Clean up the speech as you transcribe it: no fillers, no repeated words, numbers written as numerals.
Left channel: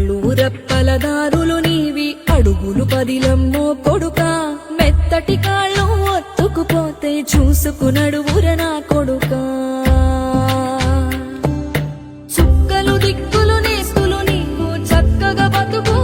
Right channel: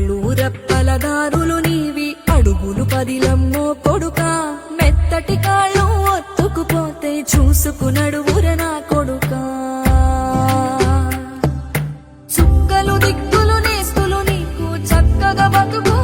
కళ్ళు రెప్పలదారులు నీవి అడుగులు పదిలమ్మో కొడుకా మెత్తటి కాళ్ళు ఒత్తుకుపోతే చూసుకునడువుర నా కొడుకా చుక్కలు దిక్కులు నేస్తులు నీకు చక్కగా బతుకు